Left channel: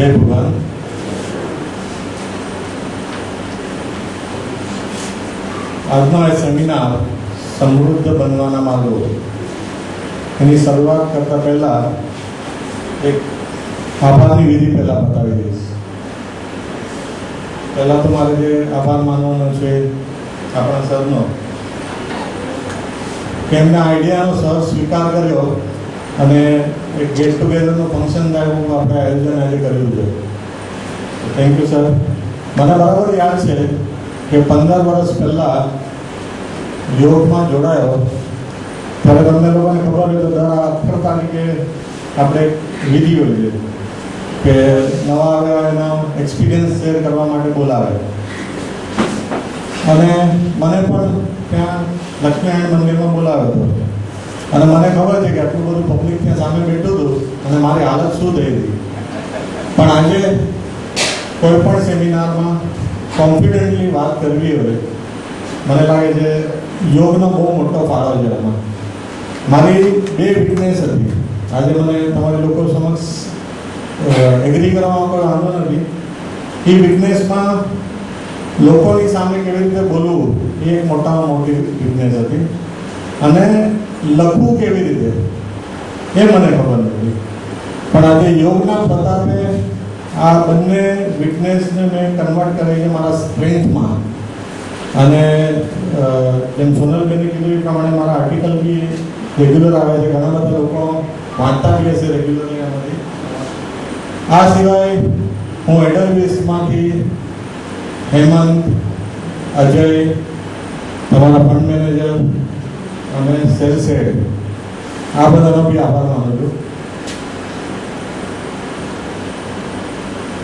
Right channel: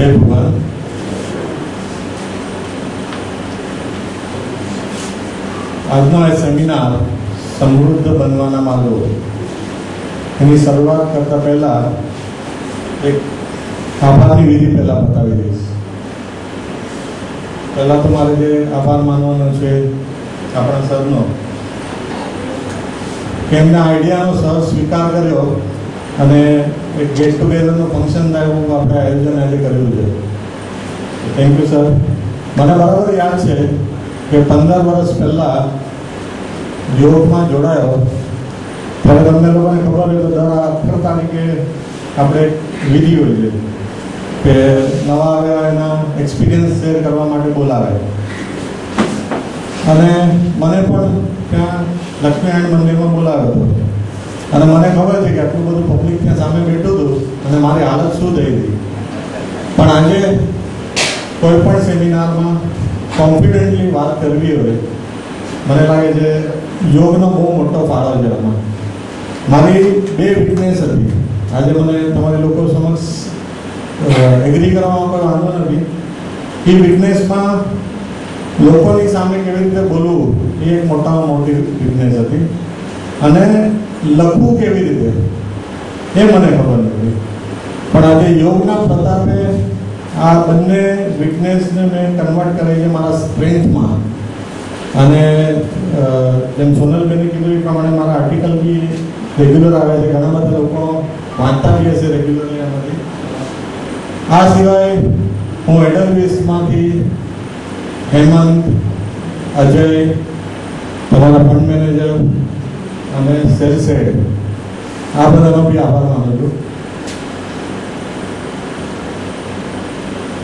જય ભગવાન. આજનો આ સેમિનાર સમૃદ્ધ બનવાના માર્ગો એની શરૂઆત કરતા પહેલા એક આભારની વિધિ પહેલા બતાવી દઈશ. પહેલા તો મારે જે આભાર માનવાનો છે આપણા સરનો, કે એમને આઈડિયાનો સહ સ્વીકાર કર્યો અને એક ગેટ ટુગેધરનું ફંક્શન થાય એવું આપણે આયોજન આજે કર્યું છે. Thank you sir. મને બરાબર યાદ છે કે 15 વર્ષ પહેલાં યોગમાં જોડાયો ત્યારે તમને લોકોને ખબર હોય તો દર 18 તારીખે આપણે વિધિ હોય છે કે નવા આવ્યા એના એક્સપિરિયન્સ શેર કરવા માટે બોલાવે. અને મને પણ ત્યાં લક્ષ્મીનારાયણ મંદિરમાં બોલાવ્યો હતો અને મને ખબર છે કે આટલું બધું પબ્લિક ત્યાં સામે બેઠું હતું અને મારી હાલત શું થઈ હતી. પણ આજે કોઈ પણ સેમિનારમાં કોન્ફિડન્ટલી વાત કરવી હોય, મને લાગે છે યોગનો બહુ મોટો ફાળો છે એમાં. મારી 2 વીકનેસ હતી. આજે મને તમારી લોકો સમક્ષ એગ્રી કરવામાં કોઈ વાંધો નથી. એ વીકનેસમાં લોકોની સામે કેવી રીતે બોલવું એ એક મોટામાં મોટી વીકનેસ હતી. અને લખવું કેવી રીતે એ મને ખબર નથી. પણ આજે યોગના પ્રતાપે આ બંને વીકનેસને મેં કન્વર્ટ કરી છે મારા સ્ટ્રેન્થમાં. અને જેમ સોનલબેને કીધું એ પ્રમાણે મારા આર્ટિકલ બી રેગ્યુલર આવે છે. ઘણા બધા લોકો વાંચતા બી હશે રેગ્યુલરલી આમાંથી. આ સિવાય હું એડલવીસમાંથી હેમંત, અજય, તમારા ફંડ મેનેજર અને સેલ્સહેડ આ બધાનો બી આભાર માનું છું.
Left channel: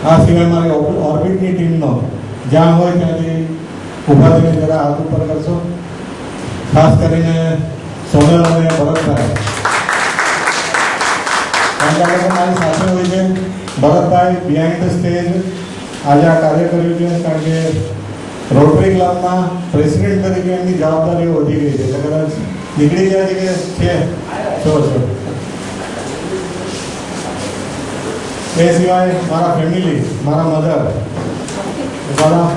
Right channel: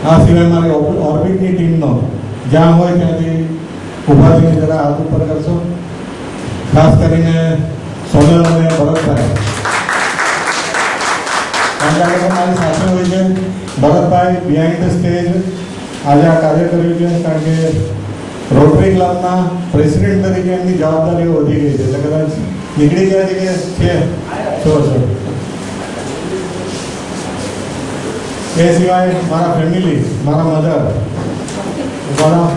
આ સિવાય મારી ઓર્બિટની ટીમનો જ્યાં હોય ત્યાંથી ઊભા થઈને જરા હાથ ઉપર કરશો. ખાસ કરીને સોનલ અને ભરતભાઈ, કારણ કે મારી સાથે હોય છે. ભરતભાઈ બિહાઇન્ડ ધ સ્ટેજ આજે આ કાર્ય કર્યું છે, કારણ કે રોટરી ક્લબના પ્રેસિડેન્ટ તરીકે એમની જવાબદારીઓ વધી ગઈ છે. એટલે કદાચ નીકળી ગયા છે કે છે છો. એ સિવાય મારા ફેમિલી, મારા મધર, કારણ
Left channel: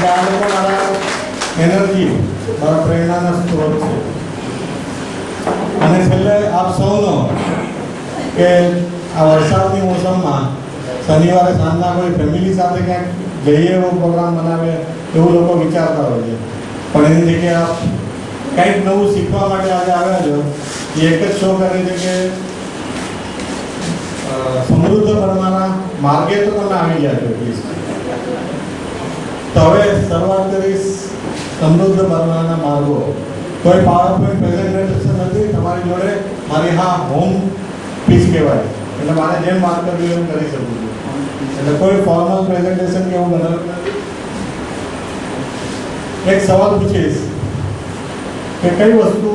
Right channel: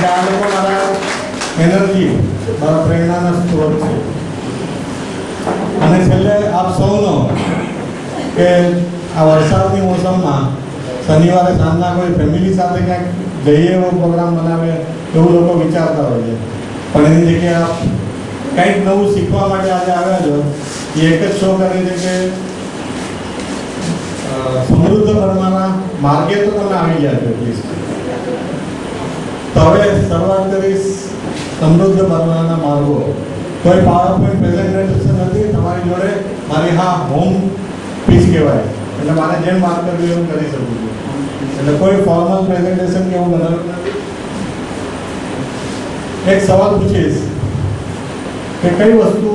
કે આ લોકો મારા એનર્જી, મારા પ્રેરણાના સ્ત્રોત છે. અને છેલ્લે આપ સૌનો કે આ વરસાદની મોસમમાં શનિવારે સાંજના કોઈ ફેમિલી સાથે ક્યાંક જઈએ એવો પ્રોગ્રામ બનાવે એવું લોકો વિચારતા હોય છે. પણ એની જગ્યાએ આપ કંઈક નવું શીખવા માટે આજે આવ્યા છો. એ એક જ શો કરે છે કે સમૃદ્ધ બનવાના માર્ગે તો તમે આવી ગયા છો એટલીસ્ટ. તો હવે શરૂઆત કરીશ સમૃદ્ધ બનવાના માર્ગો. કોઈ પાવરપોઈન્ટ પ્રેઝન્ટેશન નથી તમારી જોડે. મારી હા હોમ પીચ કહેવાય, એટલે મારે જેમ વાત કરવી એમ કરી શકું છું. એટલે કોઈ ફોર્મલ પ્રેઝન્ટેશન કે એવું બનાવ્યું નથી. એક સવાલ પૂછીશ કે કઈ વસ્તુ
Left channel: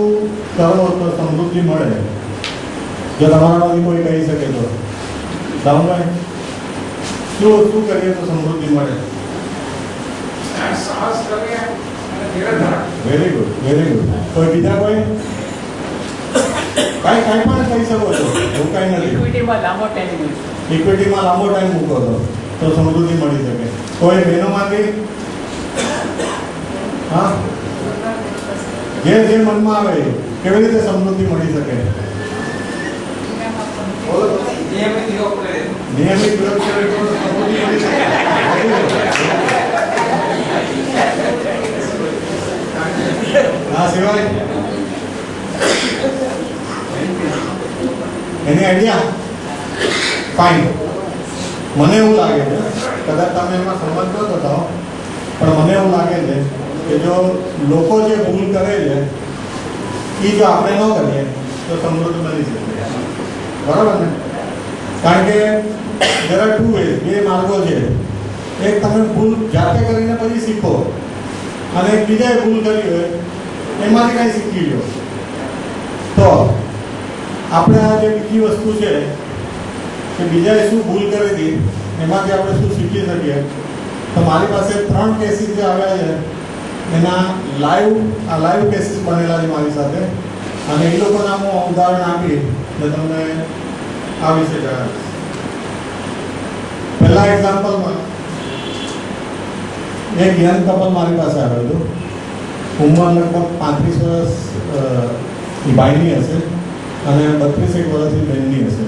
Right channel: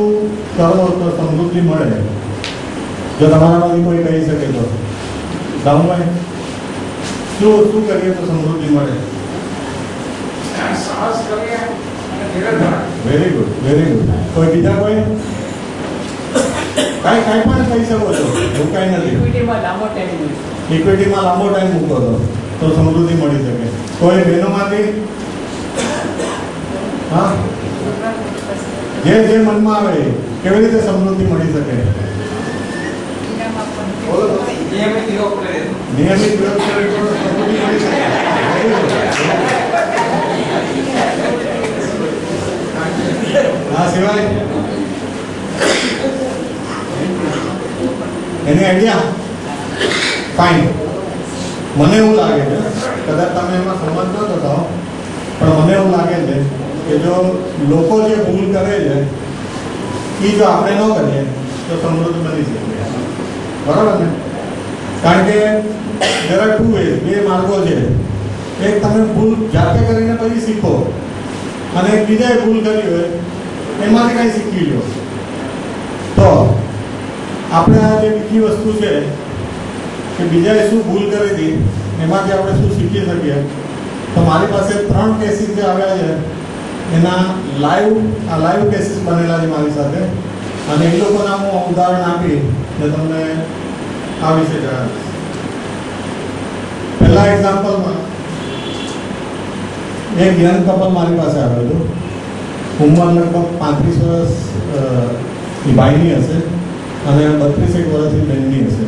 કરો તો સમૃદ્ધિ મળે? જો તમારામાંથી કોઈ કહી શકે તો દામભાઈ, શું કરીએ તો સમૃદ્ધિ મળે? Very good, very good. કોઈ બીજા કોઈ કઈ પણ કહી શકો છો, એવું કઈ નથી. ઇક્વિટીમાં લાંબો ટાઈમ મૂકો તો સમૃદ્ધિ મળી શકે. કોઈ બહેનોમાંથી હા જે મનમાં આવે કેવી રીતે સમૃદ્ધિ મળી શકે? નિયમિત યોગ કરે તો સમૃદ્ધિ મળી શકે. આ સિવાય એની આઈડિયા ફાઇન. મને એવું લાગે છે, કદાચ તમે એમાં સંમત ન થતા, પણ મને એવું લાગે છે કે જો લોકો જે ભૂલ કરે છે એ જો આપણે ન કરીએ તો સમૃદ્ધ બની શકે. બરાબર ને? કારણ કે there are 2 ways, 2 માર્ગો છે. એક તમે ભૂલ જાતે કરીને પછી શીખો, અને એક બીજાએ ભૂલ કરી હોય એમાંથી કંઈ શીખી લો. તો આપણે આ જે બીજી વસ્તુ છે કે બીજાએ શું ભૂલ કરી હતી એમાંથી આપણે શું શીખી શકીએ. તો મારી પાસે 3 કેસીસ જે આવ્યા છે એના લાઈવ કેસીસ બનેલા છે મારી સાથે, અને એ લોકોના હું ઉદાહરણ આપી ને તમને આ વિશે જણાવીશ. પહેલા એક્ઝામ્પલમાં એક યંગ કપલ મારી પાસે આવ્યું હતું. ઉંમર લગભગ 35 વર્ષ ભાઈની હશે અને 32 વર્ષની બહેનની હશે.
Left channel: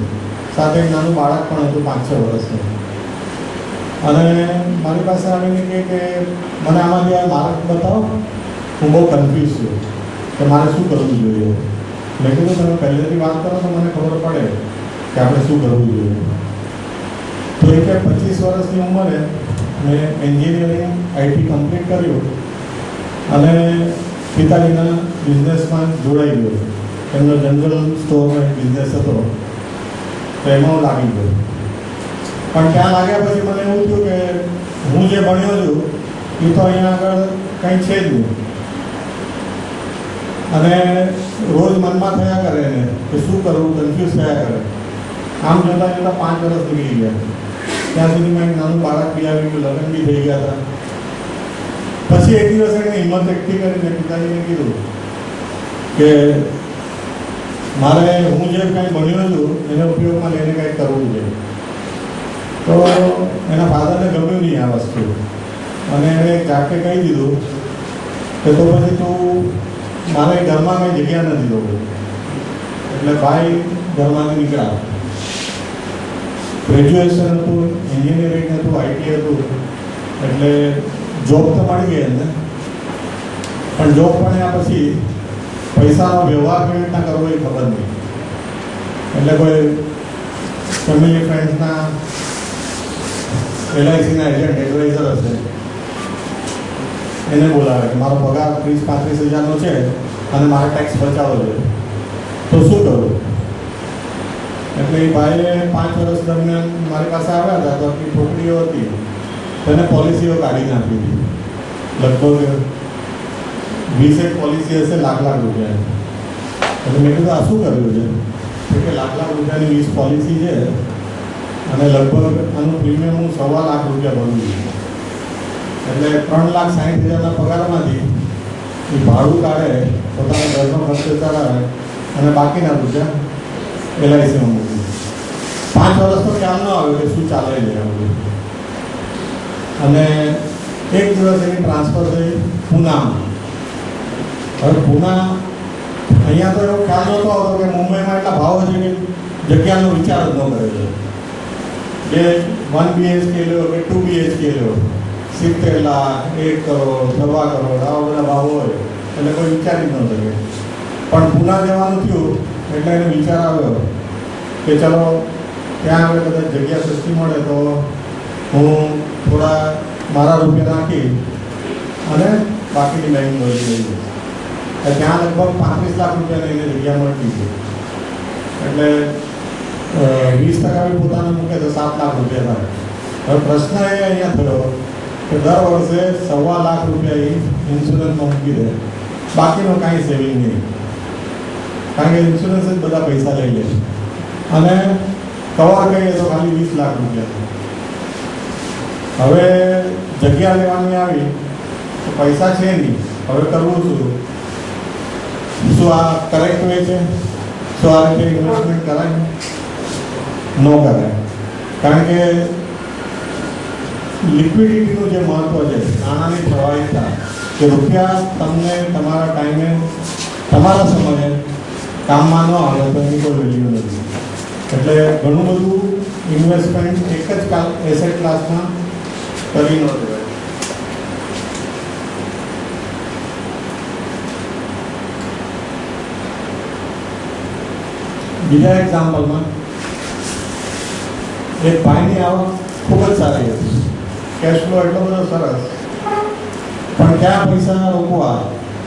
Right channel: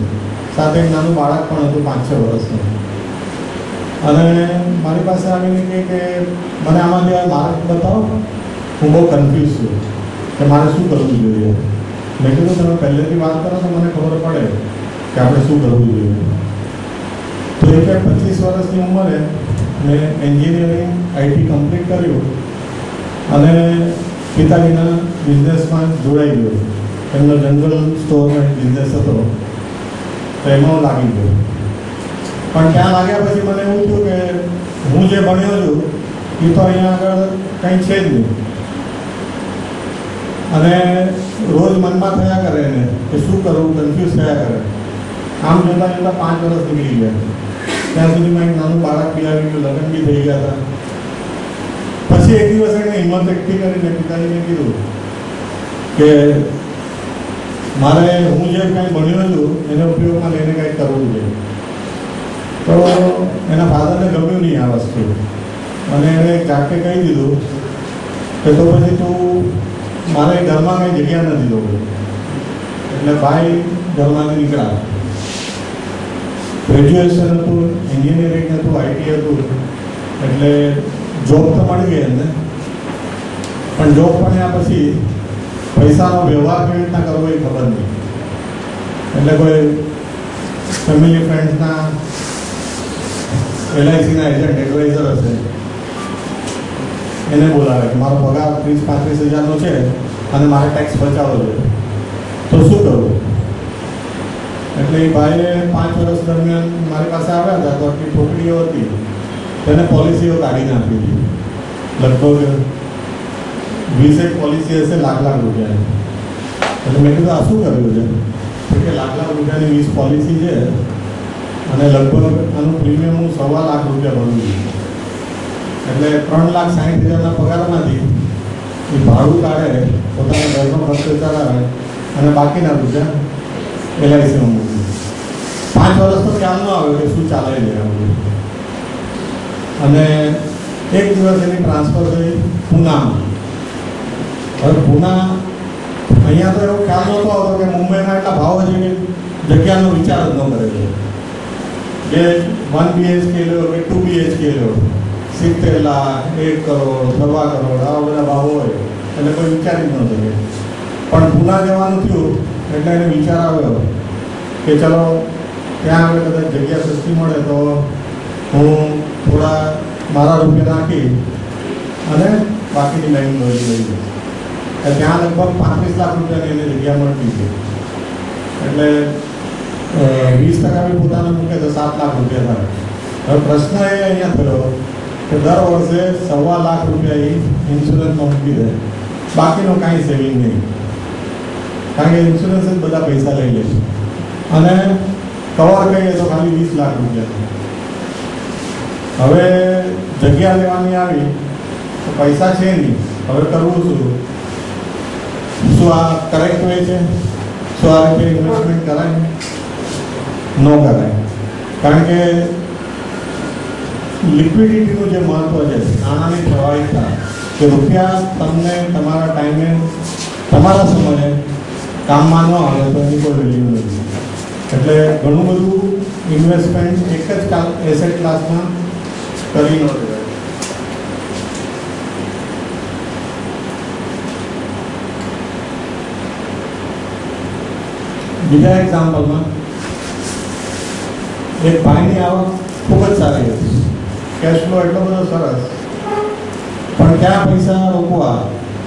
સાથે એક નાનું બાળક પણ હતું 5-6 વર્ષનું. અને મારી પાસે આવીને કહે કે મને આમાંથી આ માર્ક બતાવો, હું બહુ કન્ફ્યુઝ છું કે મારે શું કરવું જોઈએ. મેં કીધું તમે પહેલેથી વાત કરો તો મને ખબર પડે કે આપણે શું કરવું જોઈએ. તો એ કે 25 વર્ષની ઉંમરે મેં એન્જિનિયરિંગ આઈટી કમ્પ્લીટ કર્યું અને પિતાજીના બિઝનેસમાં જોડાઈ ગયો. એમનો જનરલ સ્ટોરનો એક બિઝનેસ હતો, તો એમાં લાગી ગયો. પણ ત્યાં લાગ્યા પછી મને એવું થયું કે હું જે ભણ્યો છું એ તો અહીંયા આગળ કંઈ છે જ નહીં. અને રોજ મનમાં થયા કરે ને કે શું કરવું, કન્ફ્યુઝ થયા કરે. આમ જોતાં જોતાં 5 વર્ષ નીકળી ગયા. ત્યાં સુધીમાં એક નાનું બાળક બી આવી ગયું, લગ્ન બી થઈ ગયા હતા. પછી એક દિવસ એને હિંમત એકઠી કરીને પિતાજીને કીધું કે મારે હું જે કંઈ ભણ્યો છું એને ઉપયોગમાં લઈને કંઈક કરવું જોઈએ. તો એના ફાધરને ગમ્યું નહીં આ વસ્તુ અને એણે જાકે કહી દીધું કે તો પછી તું મારે ઘરમાં કંઈ જગ્યા નથી દઉં. એટલે ભાઈ ઘરમાંથી નીકળ્યા. ગ્રેજ્યુએશન હતું, એન્જિનિયરિંગ હતું, આઈટી હતું, એટલે જોબ તો મળી ગઈ એને. પણ જોબ મળ્યા પછી પૈસાનો વ્યવહાર કેવી રીતના કરવો એ ખબર નહીં. એટલે કોઈ ફેમિલી ફ્રેન્ડ્સના LICના એજન્ટ એડવાઇઝર હશે, એને બોલાવે કે મારો પગાર 30-35 હજારનો છે અને મારે ટેક્સ બચાવવો જોઈએ, તો શું કરવું? એટલે એ ભાઈએ 5 વર્ષ દરમિયાન મારી પાસે આવ્યા હતા. તો આટલી છોકરીઓ હતી તેને પોલિસીઓ કાઢી નાખી હતી. લગભગ 20 પોલિસી હશે, લાખ રૂપિયા. એટલે મેં કીધું આ શું કર્યું છે? તો કે લાખ રૂપિયાની 20 પોલિસી છે અને લગભગ આનું પ્રીમિયમ હું 1.25 લાખ રૂપિયા ભરું છું. એટલે 3,60,000ના પગારમાંથી એ ભાડું કાઢે, પોતાના ઘરનો ખર્ચો ચલાવે અને બાકીના રૂપિયા LICમાં મૂકી. 5 વર્ષ તો ખ્યાલ ન આવ્યો કે શું ચાલે છે. અને એક દિવસ એની ટ્રાન્સફર થઈ પૂનામાં. હવે પૂના અહીંયા તો એવો ખ્યાલ નહોતો આવતો કે મુંબઈમાં એટલા ભાવ છે કે જગ્યાનો વિચાર જ ન કરે છે. કે 1 BHK લો કે 2 BHK લો, 70 લાખ, 1 કરોડ, 1.25 કરોડ, આવા બધા ભાવ હોય એટલે કોઈ વિચારી જ ન શકે. પણ પૂના જવાનું થયું એટલે એને વિચાર આવ્યો કે ચલો ત્યાં આગળ કદાચ જગ્યા સસ્તી મળે તો હું થોડા મારા રૂપિયા નાખી અને બાકીની બેંક ભરી લઈ. ત્યાં લગભગ 35 લાખ રૂપિયાની એને જગ્યા મળતી હતી. એટલે 20% બી પોતાના મૂકે તો 7 લાખ રૂપિયા થાય. હવે પ્રશ્ન એ અહીંયા થયો કે દર વર્ષે 1.25 લાખ રૂપિયા એ ઇન્સ્યોરન્સમાં મૂકી દે, બાકીનો કાંઈ સેવિંગ નહીં. કારણ કે ઇન્સ્યોરન્સ જ બધા પૈસા લઈ લે છે અને કવર કહીએ તો ખાલી 20 લાખ રૂપિયા. હવે જગ્યા લેવાની આવી તો પૈસા છે નહીં, હવે કરવું શું? શું આ કરેક્ટ વે છે? શું આ રીતે ઇન્વેસ્ટમેન્ટ કરાય? ન કરાય. કારણ કે લિક્વિડિટીનું જે મહત્વ છે, નાણાંની પ્રવાહિતતા, કે રૂપિયા તમને તમારા ટાઈમે તમારા સમયે કામમાં ન આવે તો એની કોઈ વેલ્યુ નથી. એટલે ઘણું બધું ઇન્વેસ્ટમેન્ટ એક જ એસેટ ક્લાસમાં કરી ન દેવાય. બીજા એક્ઝામ્પલમાં એક ભાઈની આવક ખૂબ જ સારી હતી, કેશ ફ્લો એટલો બધો સરસ, પણ ક્યાં પૈસા રોકવા?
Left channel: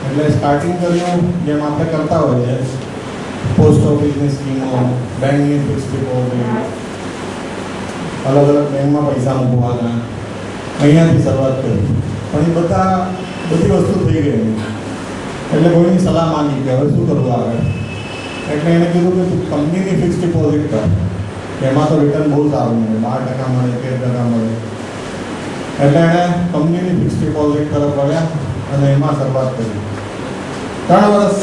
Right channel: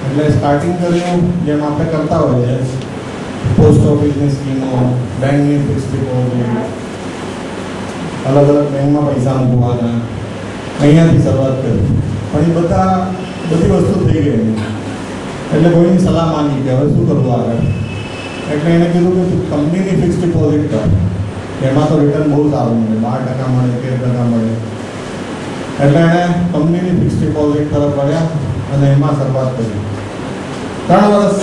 એટલે સ્ટાર્ટિંગ કર્યું જેમ આપણે કરતા હોઈએ, પોસ્ટ ઓફિસની સ્કીમો, બેંકની ફિક્સ ડિપોઝિટ, અલગ અલગ બેંકમાં પૈસા મૂકવાના, અહીંયાથી શરૂઆત કરી. પણ એ બધી વસ્તુ થઈ ગઈ. એટલે કોઈની સલાહ માંગી કે હવે શું કરવું આગળ. એટલે એને કીધું કે કંપનીની ફિક્સ ડિપોઝિટ કર, એમાં તો રિટર્ન બહુ સારું મળે, 12% મળે, 13% મળે. એટલે એણે કંપનીની ફિક્સ ડિપોઝિટ તરફ વળ્યા અને એમાં શરૂઆત કરી. 3 વર્ષ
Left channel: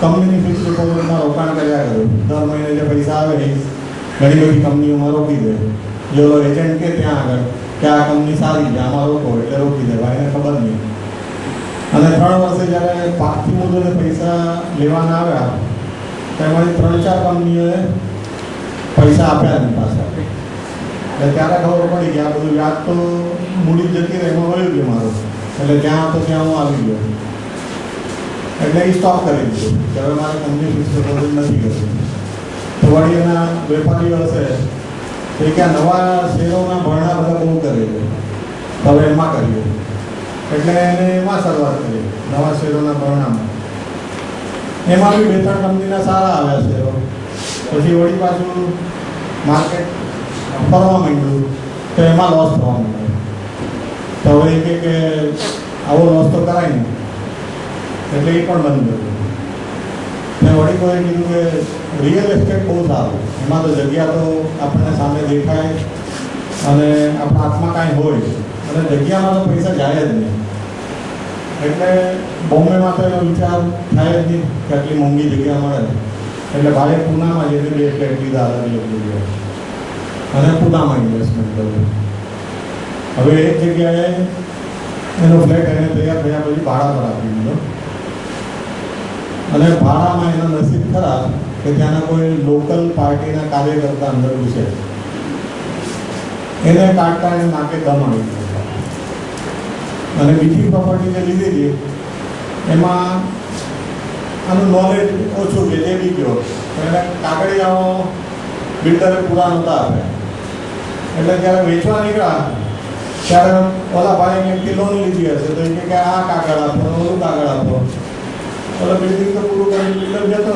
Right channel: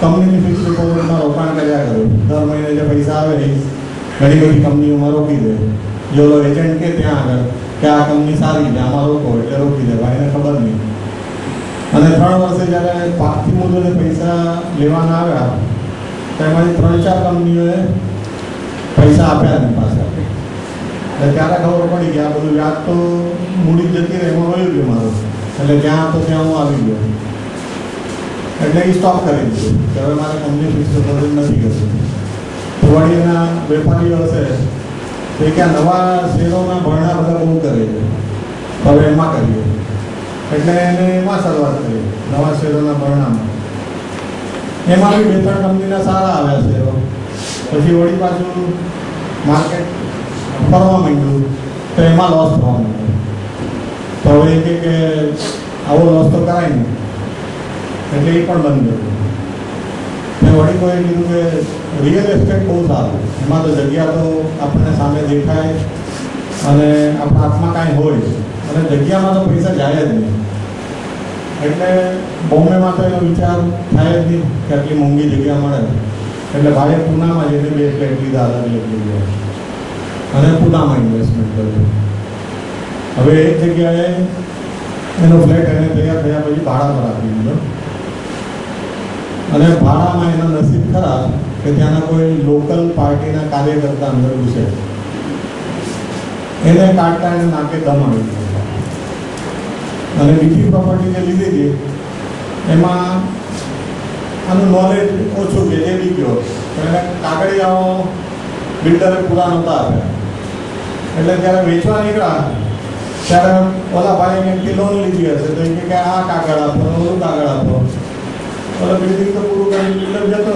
કંપનીની ફિક્સ ડિપોઝિટમાં રોકાણ કર્યા કર્યું. દર મહિને જે પૈસા આવે એ ઘણી બધી કંપનીઓમાં રોકી દે. જો એજન્ટ કે ત્યાં આગળ કે આ કંપની સારી છે આમાં રોકો એટલે રોકી દે, ભાઈને ખબર નહીં. અને 3 વર્ષે જ્યારે પાકથી મુદ્દે પૈસા લેવાના આવ્યા તેમાંથી 3-4 કંપનીઓએ પૈસા આપ્યા નહીં પાછા. એટલે ત્યારે ખબર પડી કે આ બધું વ્યાજ તો મૂડી જતી રહે એમાં વયું ગયું મારું. એટલે જ્યાં તો ત્યાં હું આવી ગયો. એટલે એ સ્ટોપ કરી દીધું કે હવે મારે કંપની ફિક્સ નથી કરવી. તો વળી એના વેપારીઓ હશે એ ક્યાં નવા શેરોના ભરણા બધા બહુ કરે છે, હવે એમાં કરીએ. એટલે એને એમાં શરૂઆત કરી, નવા શેરોના ભરણામાં. એમાં બી 2-3 કંપનીના સારા આવ્યા શેરો. પછી વળી પાછું માર્કેટ ફરવા માંડ્યું તો એમાં લોસ થવા માંડ્યો. તો હવે કે આવો લોસ તો કરાય નહીં, એટલે એ પણ બંધ કર્યું. મેં વળી કોઈ કીધું કે રિયલ એસ્ટેટ બહુ સારું, એમાં તો જગ્યા તો આપણને સામે દેખાય અને આપણા હાથમાં કાંઈ હોય અને જગ્યામાં તો પૈસા જાય જ નહીં. એટલે બોમ્બેમાં તો એનો વિચાર થાય જ નહીં કે આટલી મોંઘી જગ્યા મળે. એટલે ભાઈએ પૂનામાં જઈને 2 ફ્લેટ લીધા અલગ અલગ જગ્યાએ અને પૂનામાં ઇન્વેસ્ટમેન્ટ કર્યું. હવે એક જગ્યાએ એનો ફ્લેટ એને તૈયાર થયા પછી ભાડા પર આપી દીધો. અને ભાડામાં એનો નસીબ ખરાબ કે ત્યાંના કોઈ લોકલ પાર્ટીના કાર્યકર્તા અંદર ઘૂસે, એને કાઢતા એને નાકે દમ આવી ગયો. અને બીજી પ્રોપર્ટી જે લીધી હતી એમાં આનું નોલેજ ઓછું છે એ બી ગયો. એને કાગળિયાઓ બિલ્ડરે પૂરા નહોતા આપ્યા. એટલે જ્યારે વેચવા નીકળ્યા ત્યારે ઓલા ભાઈ એમથી લોન લીધી હશે તો એ કે આ કાગળ આપો, ઓલું કાગળ આપો. ઓલા બિલ્ડિંગ તો પૂરું કરી બિલ્ડર જતો